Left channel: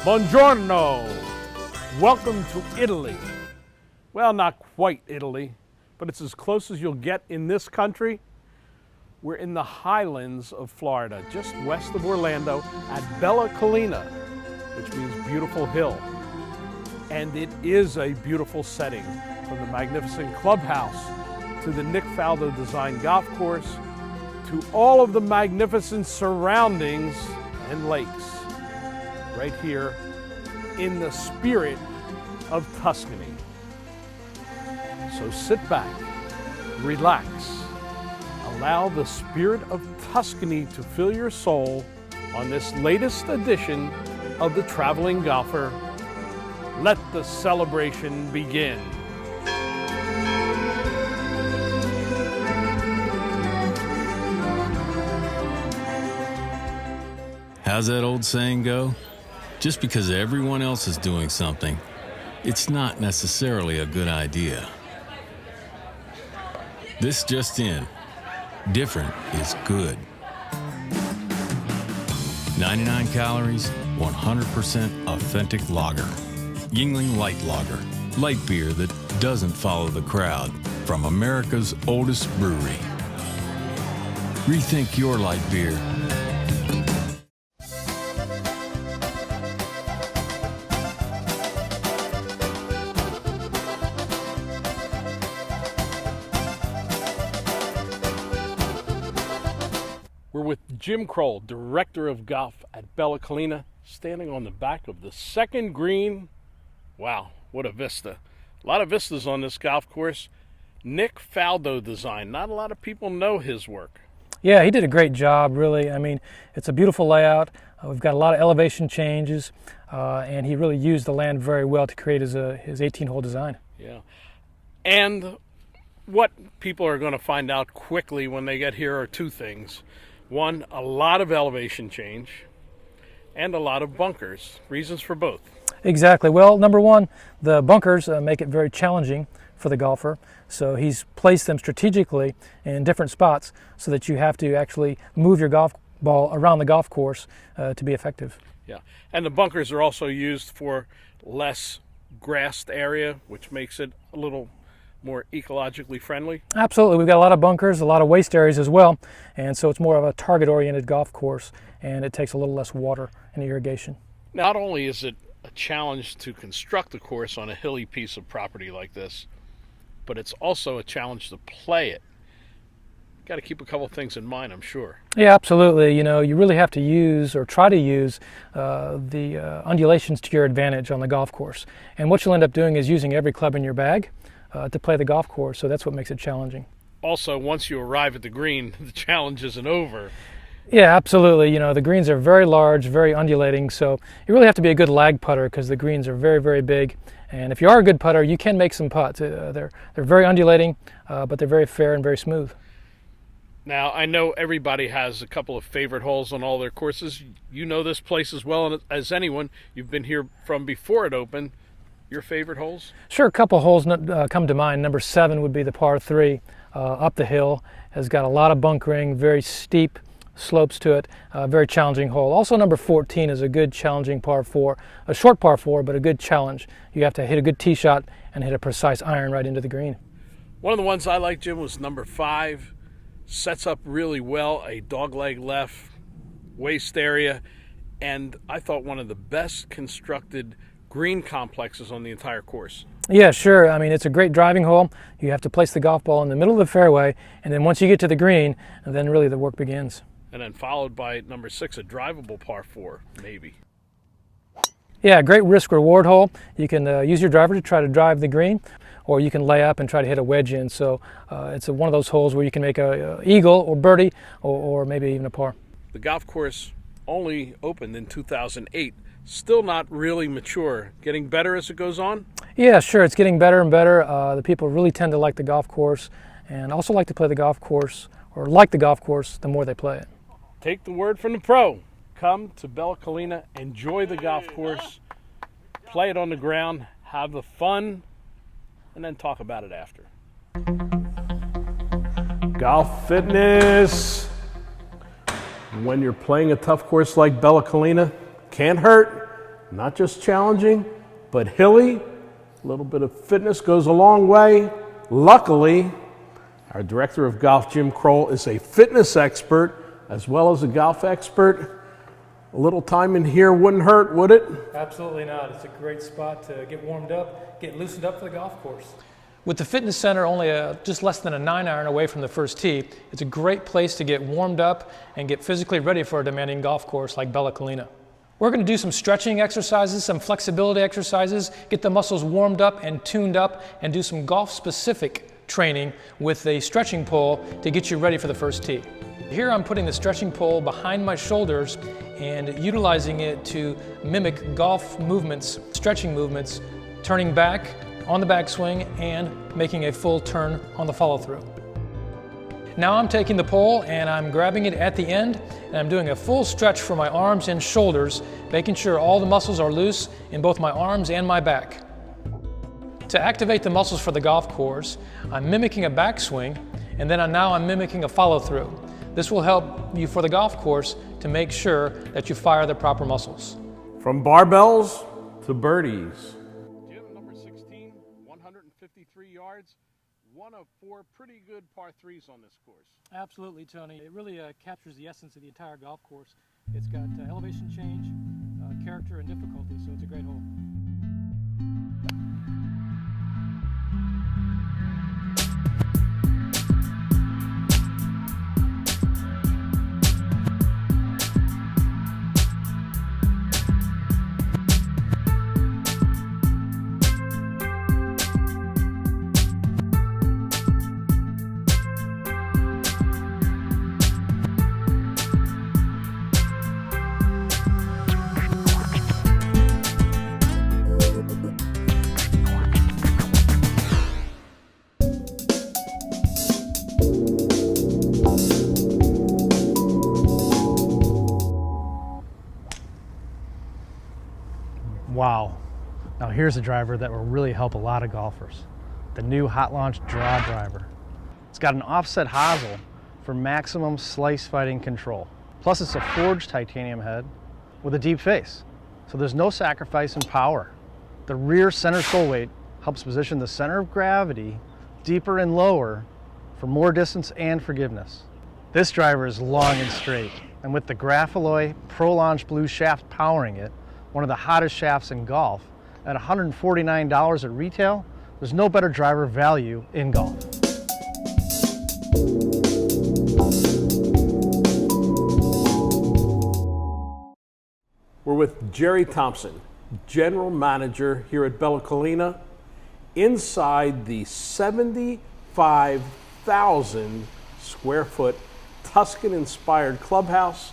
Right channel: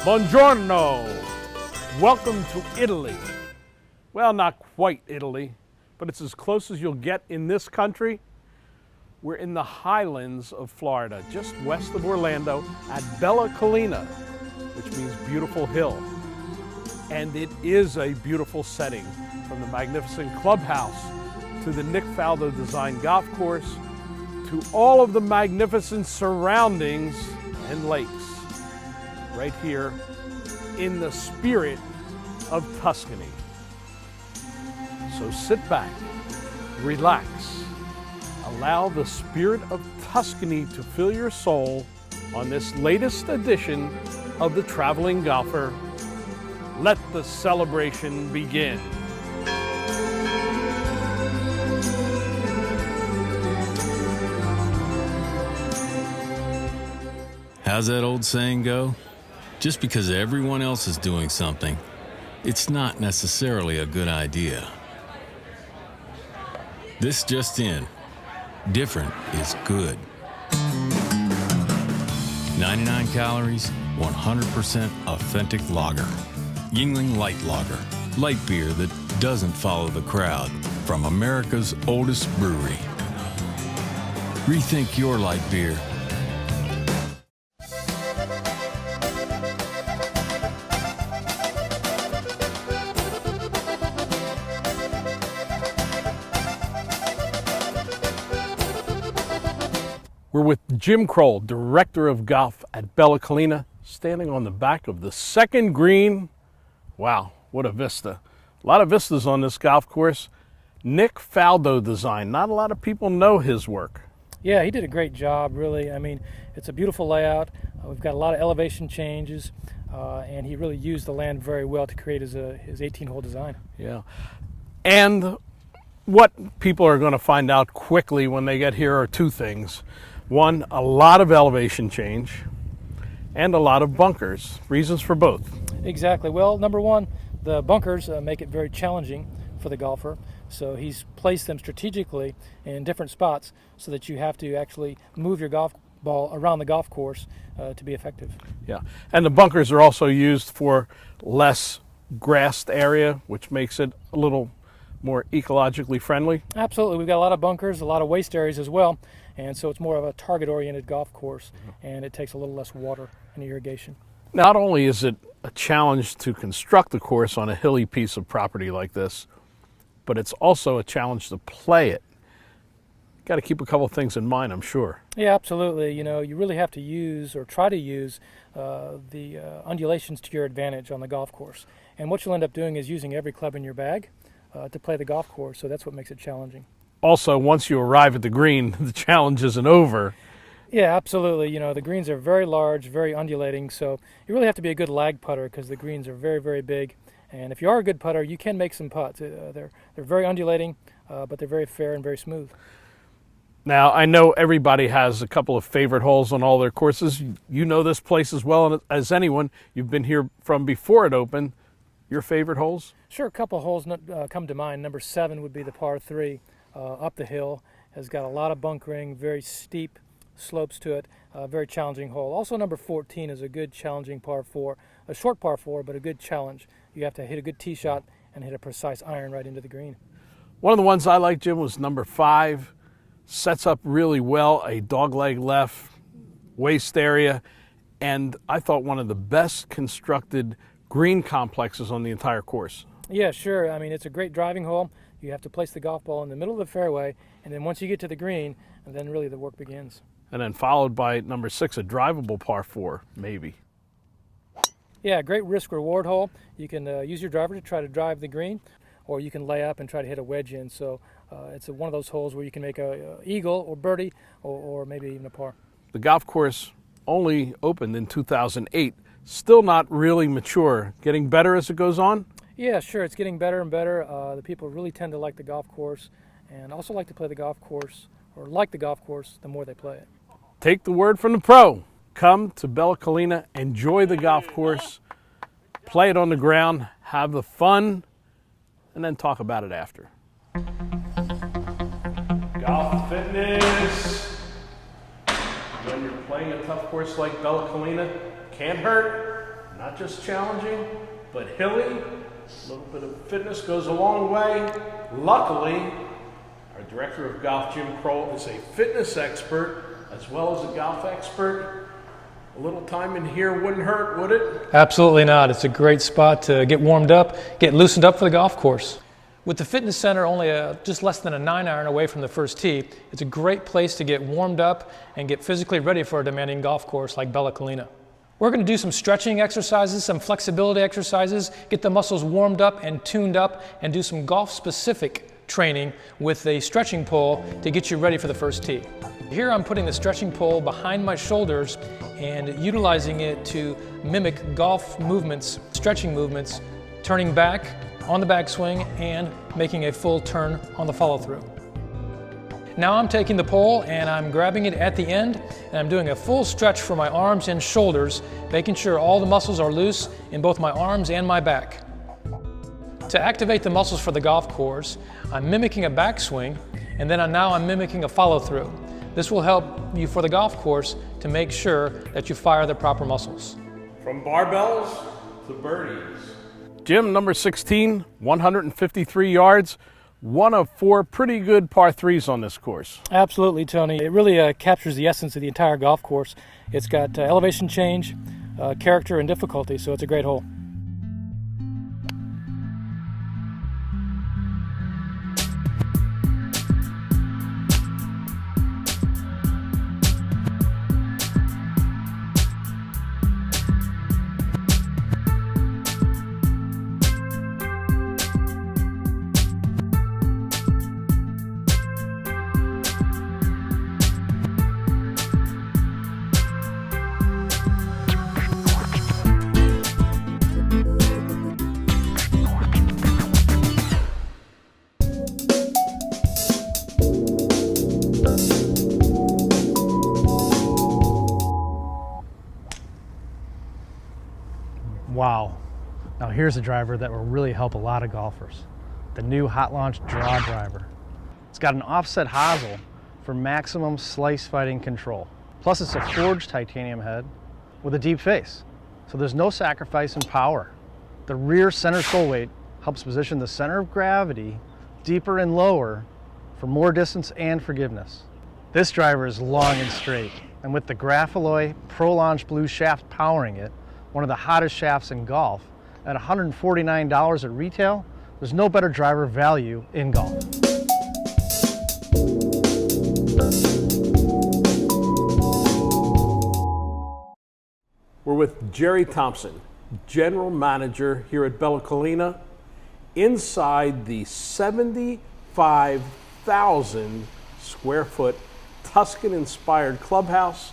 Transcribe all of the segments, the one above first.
Buongiorno! Welcome to Italy. Well, not quite Italy, but it's as close as you'll get in this country. We're in the highlands of Florida, just west of Orlando at Collina, which means beautiful hill. And it is a beautiful setting, from the magnificent Clubhouse to the Nick Faldo designed golf course to all of the magnificent surroundings and lakes. Right here in the spirit of Tuscany. So sit back, relax, allow the spirit of Tuscany to fill your soul on this latest edition of The Traveling Golfer. Let the celebration begin. How's that old saying go? Just because everyone else is doing something, it's not necessarily a good idea. This just in, different is good. 99 calories, 100% authentic lager. Yuengling Light Lager, light beer that doesn't follow the crowd, from America's oldest brewery. Rethink your light beer. We're with Jim Kroll, Director of Golf at Bellalina, standing on the back of the second green. Wow, what a vista. A lot of vistas on this golf course. Nick Faldo design. Not a lot of people know his work. Yeah, he did a great job, really. I mean, it's a beautiful layout. We've got a lot of elevation changes, and he really used the land very well to create his 18-hole design. Yeah. And what people are going to find out quickly when they get here are two things. One, a lot of elevation change and a lot of bunkers. Reasons for both. Exactly. Well, number one, the bunkers make it very challenging for the golfer. So he's placed them strategically in different spots so that you have to actually move your golf ball around the golf course to be effective. Yeah. And the bunkers are also used for less grassed area, which makes it a little more ecologically friendly? Absolutely. We've got a lot of bunkers, a lot of waste areas as well, and so it's more of a target-oriented golf course, and it takes a little less water and irrigation. Not only is it a challenge to construct a course on a hilly piece of property like this, but it's also a challenge to play it. Got to keep a couple things in mind, I'm sure. Yeah, absolutely. You know, you really have to use or try to use the undulations to your advantage on the golf course. And what you'll end up doing is using every club in your bag to play the golf course, so that's what makes it challenging. Also, once you arrive at the green, the challenge isn't over. Yeah, absolutely. You know, the greens are very large, very undulating, so you really have to be a good lag putter because the greens are very, very big. And if you are a good putter, you can make some putts. They're very undulating, but they're very fair and very smooth. Now, I know everybody has a couple of favorite holes on all their courses. You know this place as well as anyone. You've been here from before it opened. Your favorite holes? Sure, a couple holes come to mind. Number 7 would be the par 3 up the hill. Has got a lot of bunkering, very steep slopes to it, very challenging hole. Also number 14 is a good challenging par 4, a short par 4, but a good challenge. You have to hit a good tee shot and hit a precise iron right into the green. One of the ones I liked, Jim, was number 5. Sets up really well, a dogleg left, waist area, and I thought one of the best constructed green complexes on the entire course. Yeah, sure. I mean, it's a great driving hole. You have to place the golf ball in the middle of the fairway, and then once you get to the green, then really the work begins. And then followed by number 6, a drivable par 4, maybe. Yeah, great risk-reward hole. You can use your driver to try to drive the green, or you can lay up and try to hit a wedge in. So it's one of those holes where you can make a eagle or birdie or maybe even a par. The golf course only opened in 2008. Still not really mature. Getting better as it goes on? Yeah, sure. It's getting better and better. The people really tend to like the golf course and also like to play the golf course, or like the golf course the more they play it. Take the word from the pro. Come to Bellalina, enjoy the golf course, play it on the ground, have the fun, and then talk about it after. Golf fitness. When you're playing a tough course like Bellalina, can't hurt. Not just challenging, but hilly. A little bit of fitness goes a long way. Luckily, our director of golf, Jim Kroll, is a fitness expert as well as a golf expert. A little time in here wouldn't hurt, would it? Absolutely not. It's a great spot to get warmed up, get loosened up for the golf course. With the fitness center only just less than a 9-iron away from the first tee, it's a great place to get warmed up and get physically ready for a demanding golf course like Bellalina. We're going to do some stretching exercises, some flexibility exercises, get the muscles warmed up and tuned up, and do some golf-specific training with a stretching pole to get you ready for the first tee. Here I'm putting the stretching pole behind my shoulders and utilizing it to mimic golf movements, stretching movements, turning back on the backswing and making a full turn on the follow-through. Now I'm taking the pole and I'm grabbing it at the end and I'm doing a full stretch for my arms and shoulders, making sure all the muscles are loose in both my arms and my back. To activate the muscles for the golf course, I'm mimicking a backswing and then now I'm mimicking a follow-through. This will help you for the golf course to make sure that you fire the proper muscles. From barbells to birdies. Jim, number 16, 153 yards. One of 4 pretty good par 3s on this course. Absolutely, Tony. It really captures the essence of the entire golf course. It's got elevation change, character, and difficulty, so it's a great hole. Wow. Now here's a driver that will really help a lot of golfers. The new Hot Launch Draw driver. It's got an offset hosel for maximum slice fighting control. Plus it's a forged titanium head with a deep face. So there's no sacrifice in power. The rear center sole weight helps position the center of gravity deeper and lower for more distance and forgiveness. This driver is long and straight, and with the Graphalloy Pro Launch Blue shaft powering it, one of the hottest shafts in golf, at $149 at retail, there's no better driver value in golf. We're with Jerry Thompson, General Manager here at Bellalina, inside the 75,000 square foot Tuscan-inspired clubhouse.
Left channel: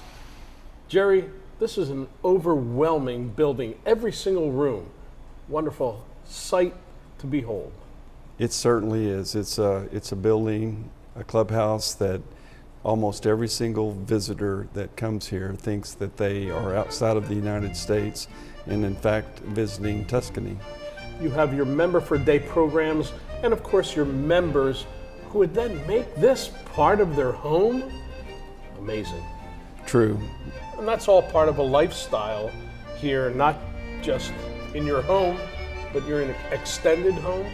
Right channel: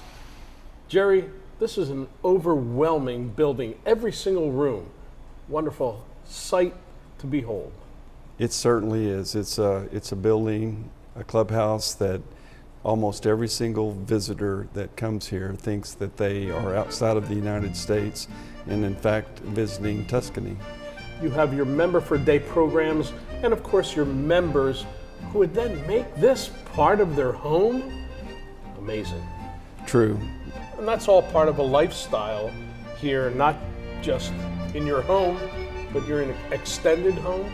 Jerry, this is an overwhelming building, every single room. Wonderful sight to behold. It certainly is. It's a building, a clubhouse that almost every single visitor that comes here thinks that they are outside of the United States and in fact visiting Tuscany. You have your member for day programs and of course your members who would then make this part of their home. Amazing. True. And that's all part of a lifestyle here, not just in your home, but you're in an extended home.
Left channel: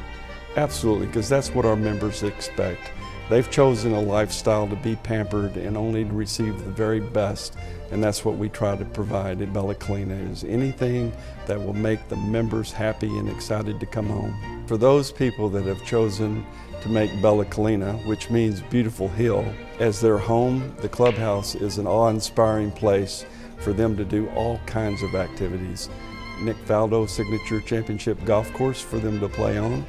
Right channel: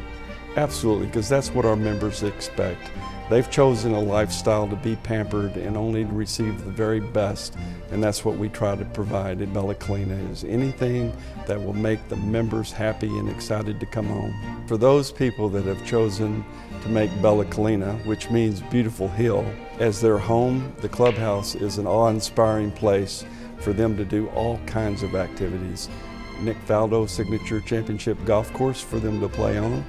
Absolutely, because that's what our members expect. They've chosen a lifestyle to be pampered and only to receive the very best, and that's what we try to provide at Bellalina, is anything that will make the members happy and excited to come home. For those people that have chosen to make Bellalina, which means beautiful hill, as their home, the clubhouse is an awe-inspiring place for them to do all kinds of activities. Nick Faldo Signature Championship Golf Course for them to play on.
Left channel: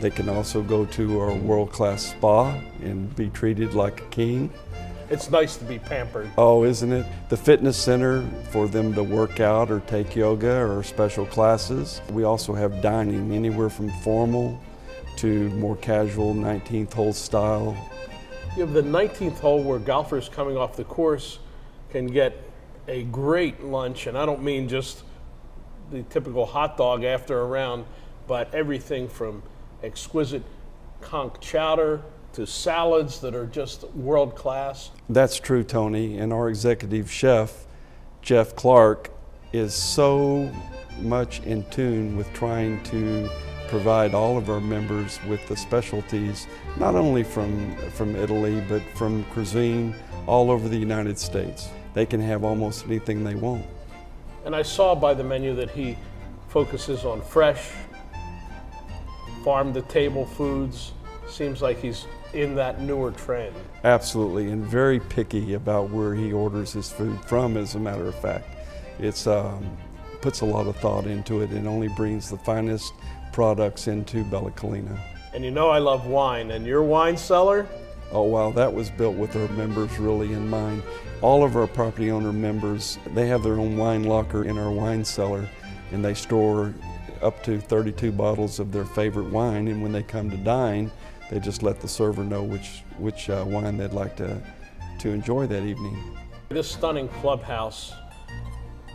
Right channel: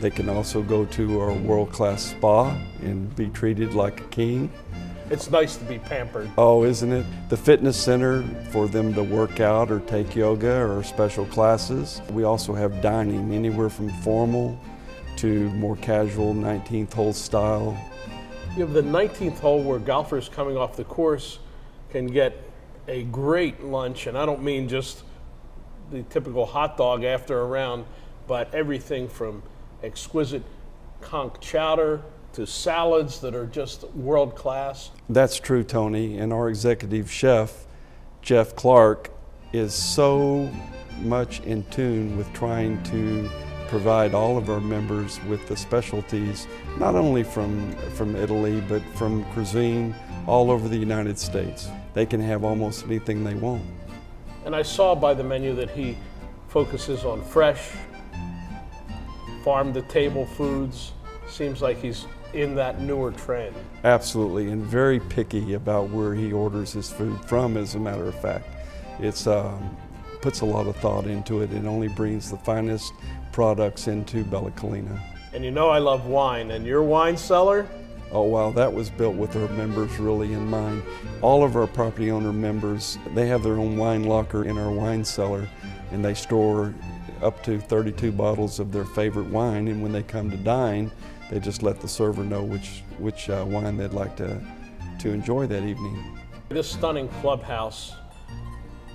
They can also go to our world-class spa and be treated like a king. It's nice to be pampered. Oh, isn't it? The fitness center for them to work out or take yoga or special classes. We also have dining, anywhere from formal to more casual 19th hole style. You have the 19th hole where golfers coming off the course can get a great lunch, and I don't mean just the typical hot dog after a round, but everything from exquisite conch chowder to salads that are just world class. That's true, Tony, and our executive chef, Jeff Clark, is so much in tune with trying to provide all of our members with the specialties, not only from Italy, but from cuisine all over the United States. They can have almost anything they want. And I saw by the menu that he focuses on fresh, farm-to-table foods. Seems like he's in that newer trend. Absolutely, and very picky about where he orders his food from, as a matter of fact. It's puts a lot of thought into it and only brings the finest products into Bellalina. And you know I love wine, and your wine cellar? Oh wow, that was built with our members really in mind. All of our property owner members, they have their own wine locker in our wine cellar, and they store up to 32 bottles of their favorite wine, and when they come to dine, they just let the server know which wine they'd like to enjoy that evening. This stunning clubhouse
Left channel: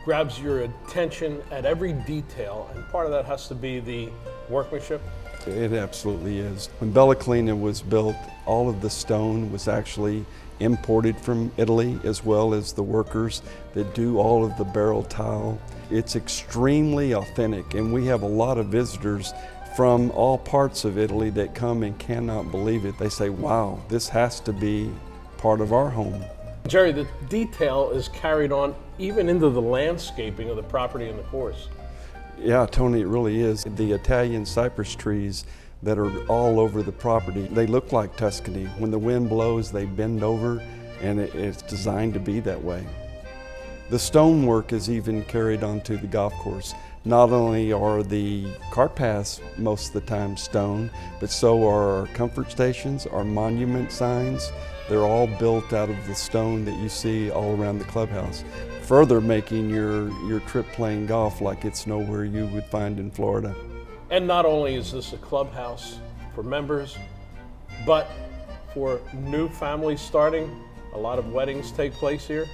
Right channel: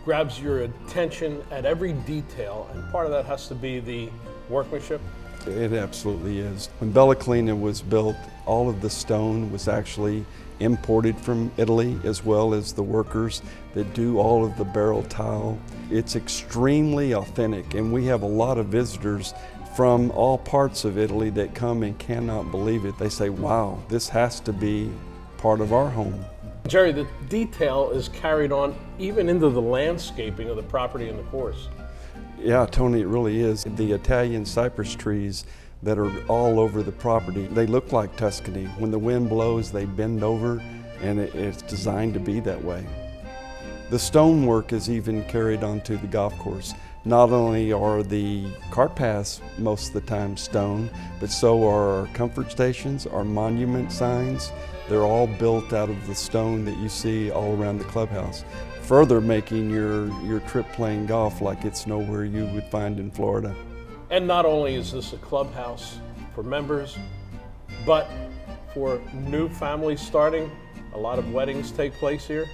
grabs your attention at every detail, and part of that has to be the workmanship. It absolutely is. When Bellalina was built, all of the stone was actually imported from Italy, as well as the workers that do all of the barrel tile. It's extremely authentic, and we have a lot of visitors from all parts of Italy that come and cannot believe it. They say, wow, this has to be part of our home. Jerry, the detail is carried on even into the landscaping of the property and the course. Yeah, Tony, it really is. The Italian cypress trees that are all over the property, they look like Tuscany. When the wind blows, they bend over, and it's designed to be that way. The stonework is even carried onto the golf course. Not only are the cart paths most of the time stone, but so are our comfort stations, our monument signs. They're all built out of the stone that you see all around the clubhouse, further making your trip playing golf like it's nowhere you would find in Florida. And not only is this a clubhouse for members, but for new families starting, a lot of weddings take place here.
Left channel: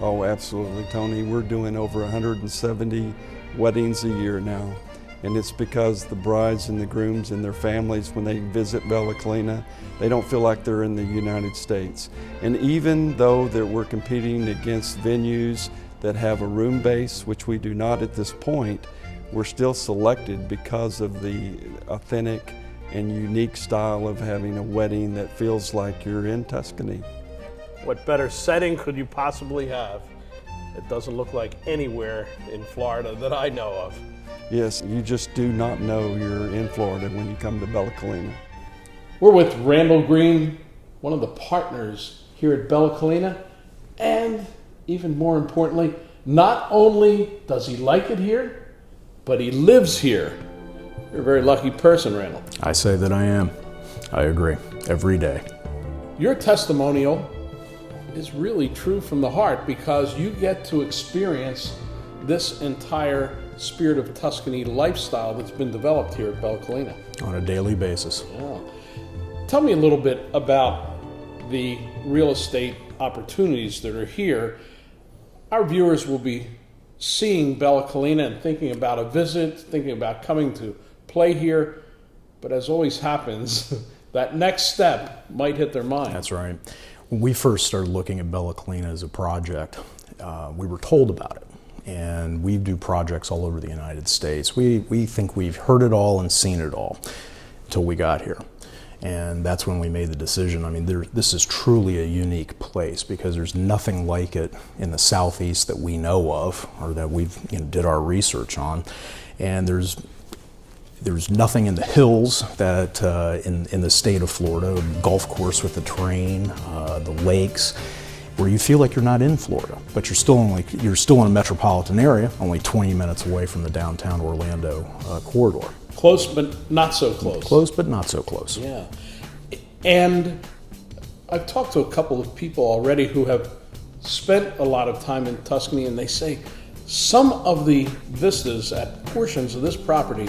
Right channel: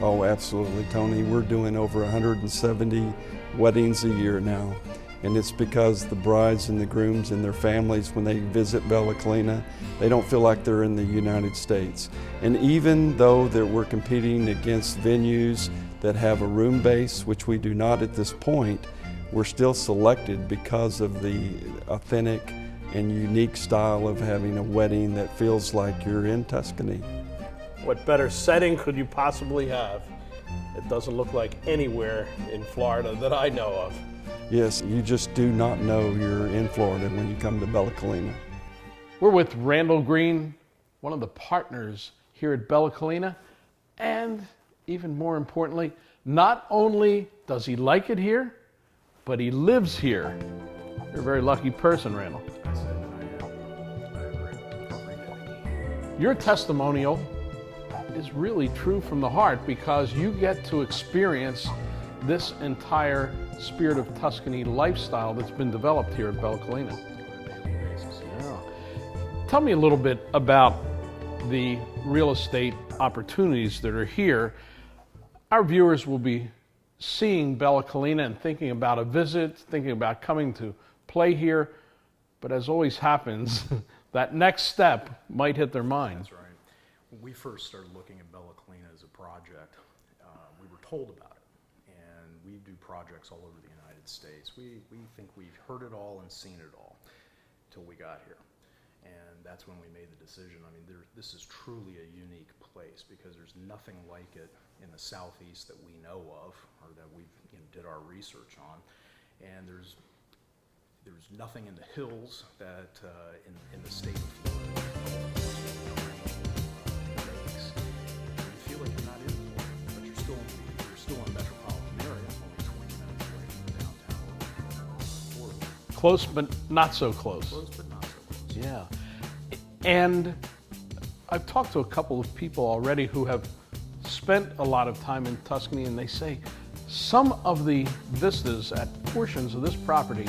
Oh, absolutely, Tony. We're doing over 170 weddings a year now. And it's because the brides and the grooms and their families, when they visit Bellalina, they don't feel like they're in the United States. And even though that we're competing against venues that have a room base, which we do not at this point, we're still selected because of the authentic and unique style of having a wedding that feels like you're in Tuscany. What better setting could you possibly have? It doesn't look like anywhere in Florida that I know of. Yes, you just do not know you're in Florida when you come to Bellalina. We're with Randall Green, one of the partners here at Bellalina, and even more importantly, not only does he like it here, but he lives here. You're a very lucky person, Randall. I say that I am. I agree. Every day. Your testimonial is really true from the heart because you get to experience this entire Spirit of Tuscany lifestyle that's been developed here at Bellalina. On a daily basis. Yeah. Tell me a little bit about the real estate opportunities that are here. Our viewers will be seeing Bellalina and thinking about a visit, thinking about coming to play here, but as always happens, that next step might hit their mind. That's right. When we first started looking at Bellalina as a project, we were told about it. And we do projects all over the United States. We think we've heard it all and seen it all until we got here. And that's when we made the decision. I mean, this is truly a unique place because there's nothing like it in the Southeast that we know of or that we've did our research on. And there's nothing in the hills that in the state of Florida, the golf course with the terrain, the lakes, where you feel like you're not in Florida, but you're still in a metropolitan area, only 20 minutes away from the downtown Orlando corridor. Close, but not so close. Close, but not so close. Yeah. And I've talked to a couple of people already who have spent a lot of time in Tuscany, and they say some of the vistas at portions of this property,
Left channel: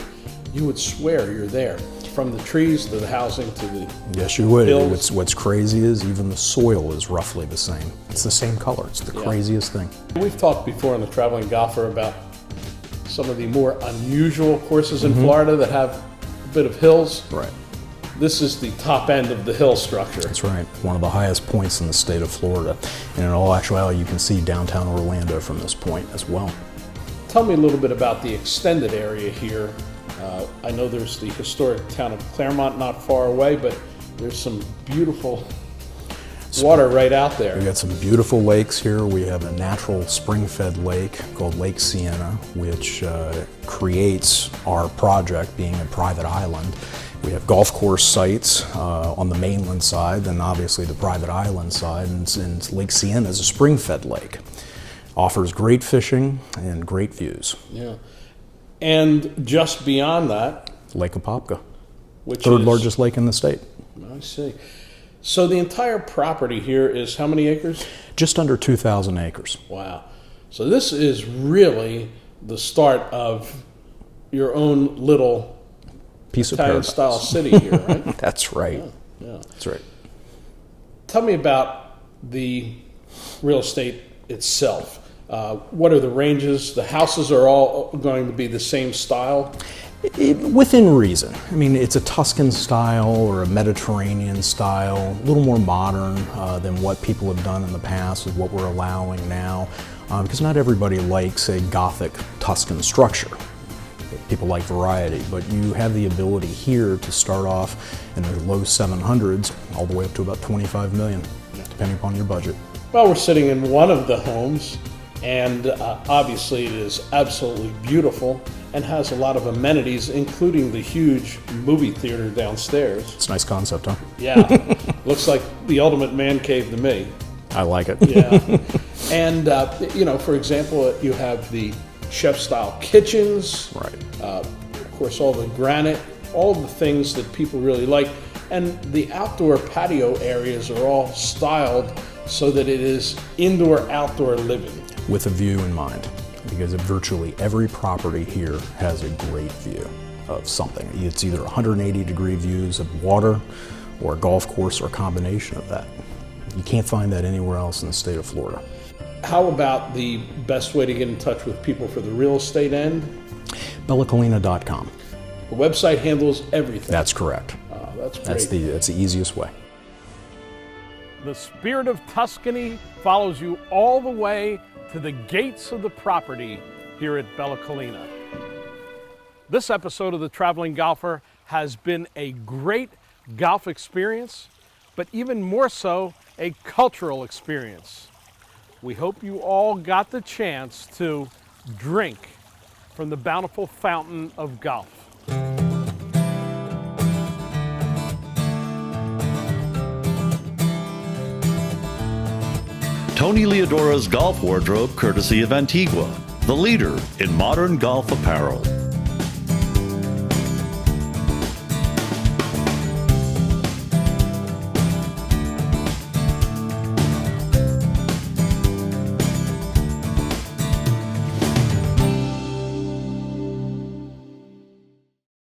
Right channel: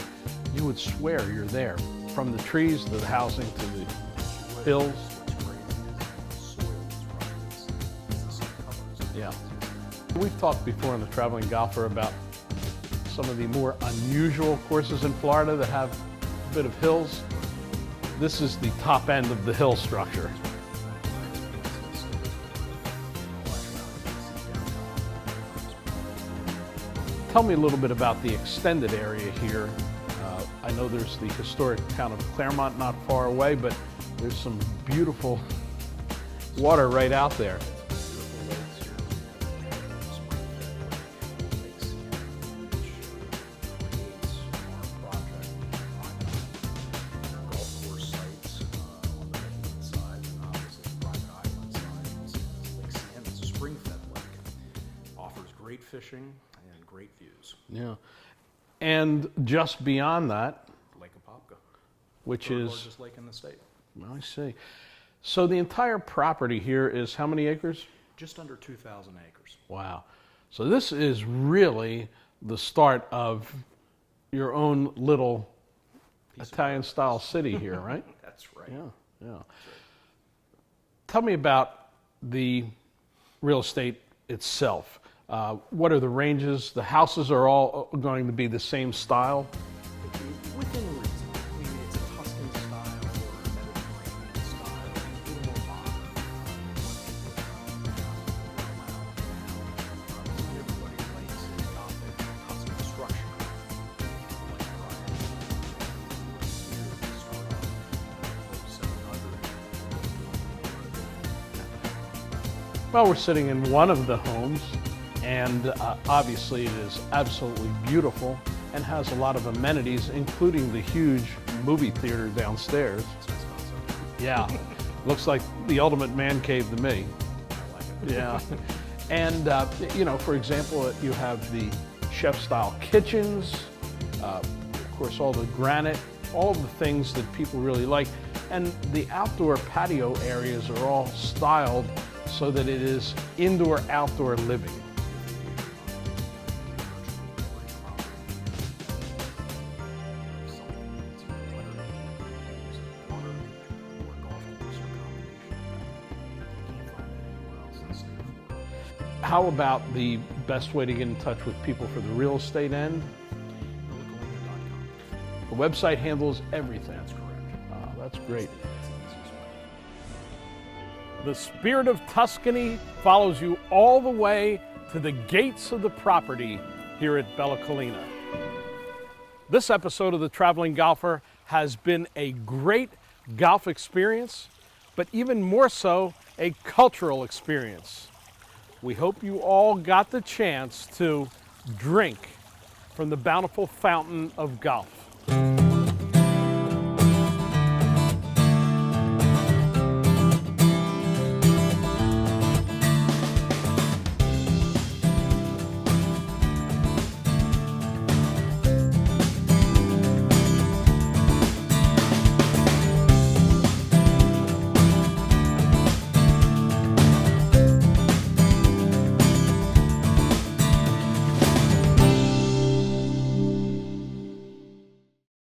you would swear you're there. From the trees to the housing to the Yes, you would. hills. What's crazy is even the soil is roughly the same. It's the same color. It's the craziest thing. We've talked before on the Traveling Golfer about some of the more unusual courses in Florida that have a bit of hills. Right. This is the top end of the hill structure. That's right. One of the highest points in the state of Florida. And in all actuality, you can see downtown Orlando from this point as well. Tell me a little bit about the extended area here. I know there's the historic town of Claremont not far away, but there's some beautiful water right out there. We've got some beautiful lakes here. We have a natural spring-fed lake called Lake Sienna, which creates our project being a private island. We have golf course sites on the mainland side, and obviously the private island side, and Lake Sienna is a spring-fed lake. Offers great fishing and great views. Yeah. And just beyond that, Lake Apopka, which third is largest lake in the state. I see. So the entire property here is how many acres? Just under 2,000 acres. Wow. So this is really the start of your own little Piece of Italian-style paradise. city here, right? That's right. Yeah. That's right. Tell me about the real estate itself. What are the ranges? The houses are all going to be the same style? Within reason. I mean, it's a Tuscan style or a Mediterranean style, a little more modern than what people have done in the past with what we're allowing now, because not everybody likes a Gothic Tuscan structure. People like variety, but you have the ability here to start off in the low 700s all the way up to about 25 million, depending upon your budget. Well, we're sitting in one of the homes, and obviously it is absolutely beautiful and has a lot of amenities, including the huge movie theater downstairs. It's a nice concept, huh? Yeah, looks like the ultimate man cave to me. I like it. Yeah, and you know, for example, you have the chef-style kitchens. Right. Of course, all the granite, all the things that people really like, and the outdoor patio areas are all styled so that it is indoor-outdoor living. With a view in mind, because virtually every property here has a great view of something. It's either 180-degree views of water or a golf course or a combination of that. You can't find that anywhere else in the state of Florida. How about the best way to get in touch with people for the real estate end? Bellalina.com. The website handles everything. That's correct. That's great. That's the easiest way. The spirit of Tuscany follows you all the way to the gates of the property here at Bellalina. This episode of The Traveling Golfer has been a great golf experience, but even more so, a cultural experience. We hope you all got the chance to drink from the bountiful fountain of golf. Tony Leodora's golf wardrobe, courtesy of Antigua, the leader in modern golf apparel.